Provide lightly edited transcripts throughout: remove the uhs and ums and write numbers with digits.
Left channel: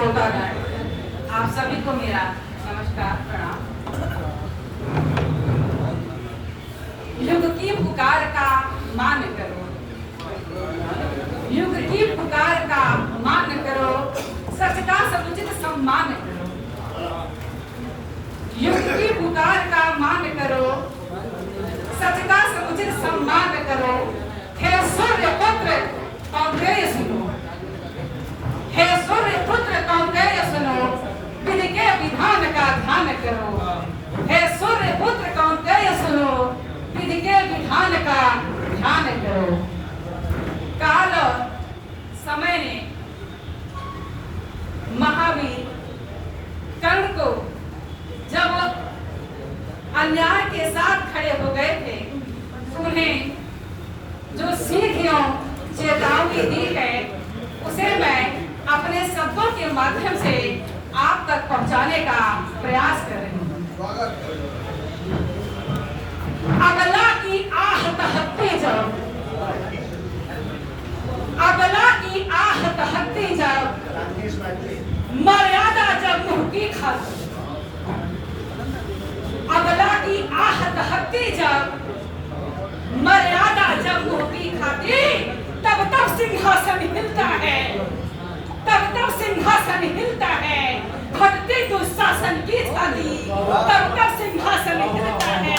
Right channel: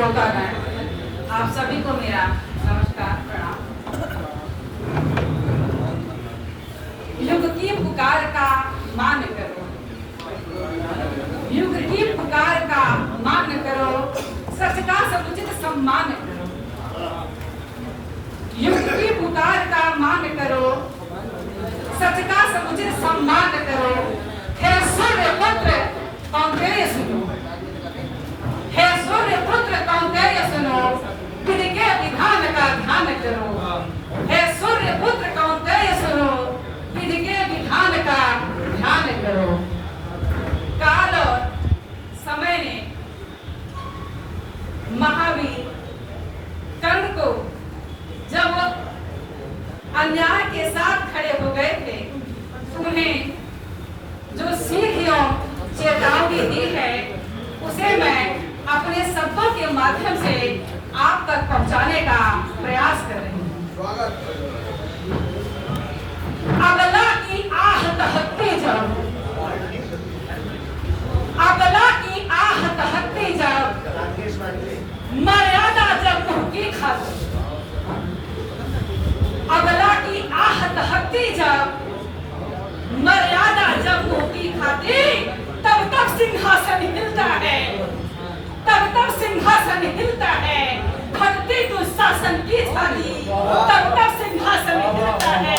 श्रोतागण, आप सभी को मेरा नमस्कार प्रणाम। युग की पुकार का मान करो, युग की पुकार का मान करो, सच का समुचित सम्मान करो। युग की पुकार का मान करो, सच का समुचित सम्मान करो। हे सूर्य पुत्र कौन्तेय सुनो, हे सूर्य पुत्र कौन्तेय सुनो, विधि के विधान का ध्यान करो। हे सूर्य पुत्र कौन्तेय सुनो, विधि के विधान का ध्यान करो। काल और समय ने महावीर कर्ण को जब अन्याय के साथ खड़े हो गए थे, उन्हें जो सीधियों चेतावनी दी है उसे मैं अपने शब्दों के माध्यम से आप तक पहुंचाने का प्रयास कर रही हूँ। अबला की आह तहकती जब, अबला की आह तहकती जब, मर्यादा जब मुंह की खाती। अबला की आह तहकती जब, मर्यादा जब मुंह की खाती, तब तब सिंहासन हिलता है, तब तब सिंहासन हिलता है। भक्ति दुशासन की झाली, तब तब सिंहासन हिलता है,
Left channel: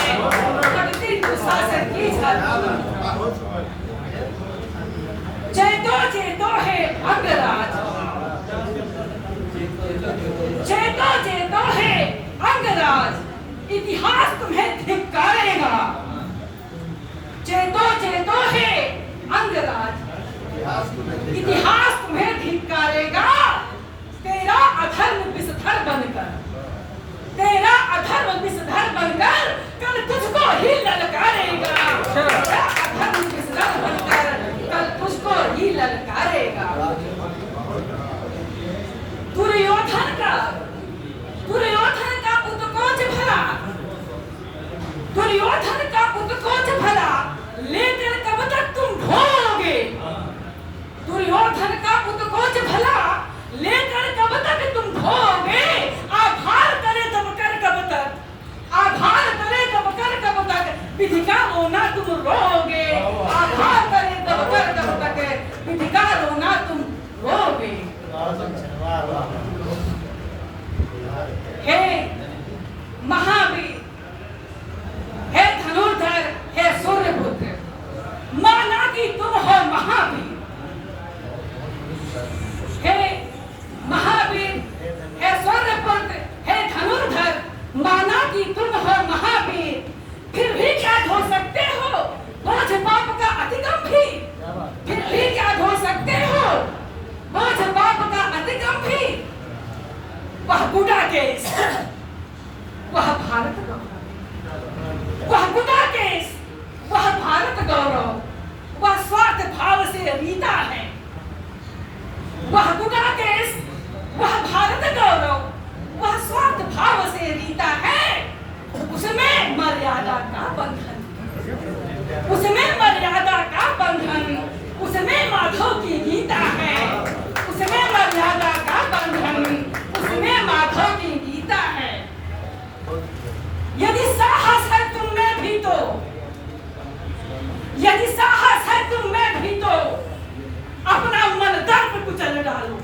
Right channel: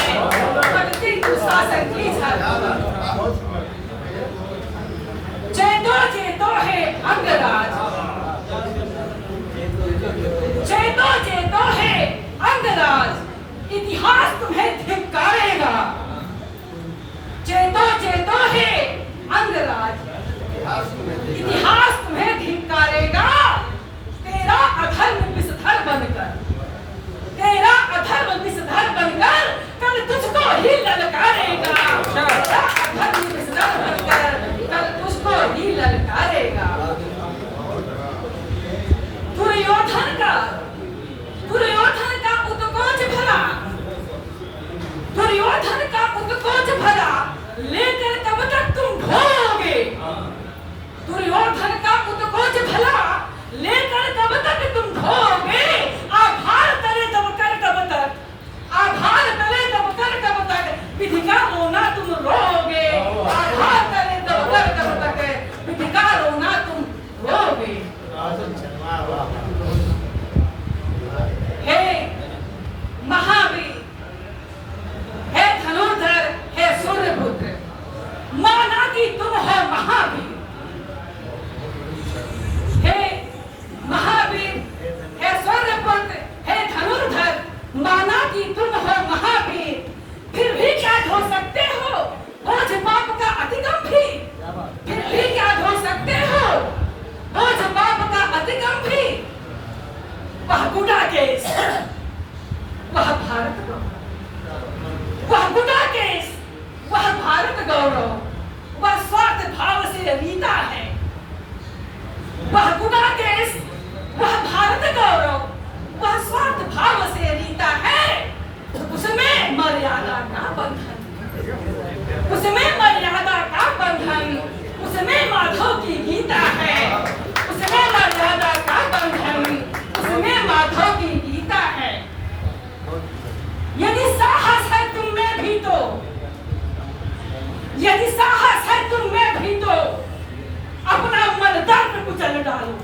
भक्ति दुशासन की झाली। चेतो चेतो है अंगराज, चेतो चेतो है अंगराज, इतिहास तुम्हें धिक्कारेगा। चेतो चेतो है अंगराज, इतिहास तुम्हें धिक्कारेगा। तेरा अधर्म विषधर बनकर, तेरा अधर्म विषधर बनकर कल तुझको ही ललकारेगा। तेरा अधर्म विषधर बनकर कल तुझको ही ललकारेगा। दुर्योधन का उत्कोच भला, दुर्योधन का उत्कोच भला लेकर कब तक तुम ढोओगे। दुर्योधन का उत्कोच भला लेकर कब तक तुम ढोओगे। आभार करे तब कर कब तक, आभार करे तब कर कब तक, विधि का रोना तुम रोओगे। आभार करे तब कर कब तक, विधि का रोना तुम रोओगे। हे महावीर, हे धनुर्धर, हे सूर्यपुत्र, माना कि तुम हो महावीर। हे महावीर, हे सूर्यपुत्र, हे धनुर्धर, माना कि तुम हो महावीर। फिर भी क्या ढो सकते हो बोझ पाप का अतिगम भी, फिर भी क्या ढो सकते हो बोझ पाप का अतिगम भी। वह गुड़ा केस, वह भारत गौरव, वह गुड़ा केस, वह भारत गौरव, वह स्वार्थ भाव से रीता है। वह गुड़ा केस, वह भारत गौरव, वह स्वार्थ भाव से रीता है। उसमें मर्यादा का बंधन, उसमें मर्यादा का बंधन, उसमें माधव की गीता है। उसमें मर्यादा का बंधन, उसमें माधव की गीता है। यदि साहस है तुम में भी तो, यदि साहस है तुम में भी तो अपना मन दर्द कुचल डालो।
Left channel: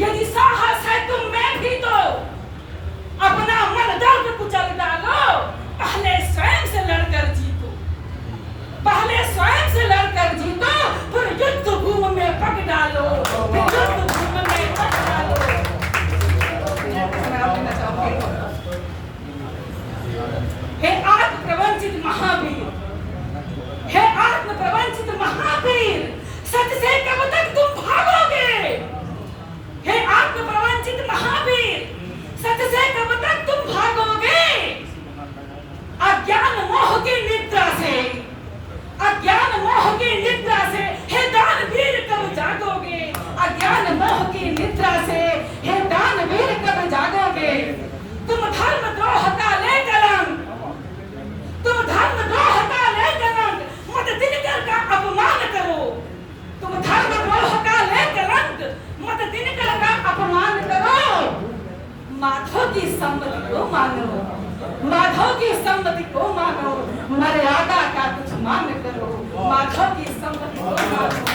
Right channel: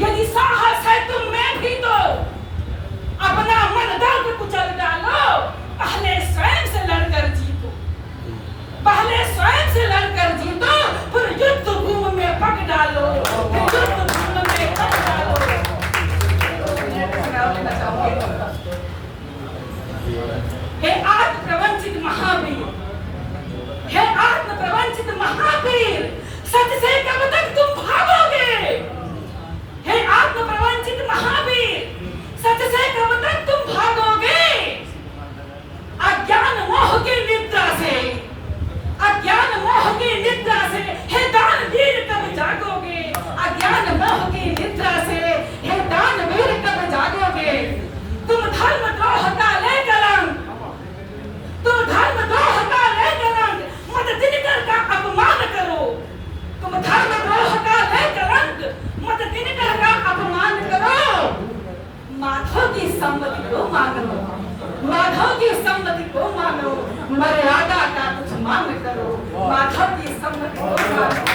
यदि साहस है तुम में भी तो अपना मन दर्द कुचल डालो। की सम्मति को मानो, माधव की सम्मति को मानो, मर्यादा का कुछ मान करो, माधव की सम्मति को मानो।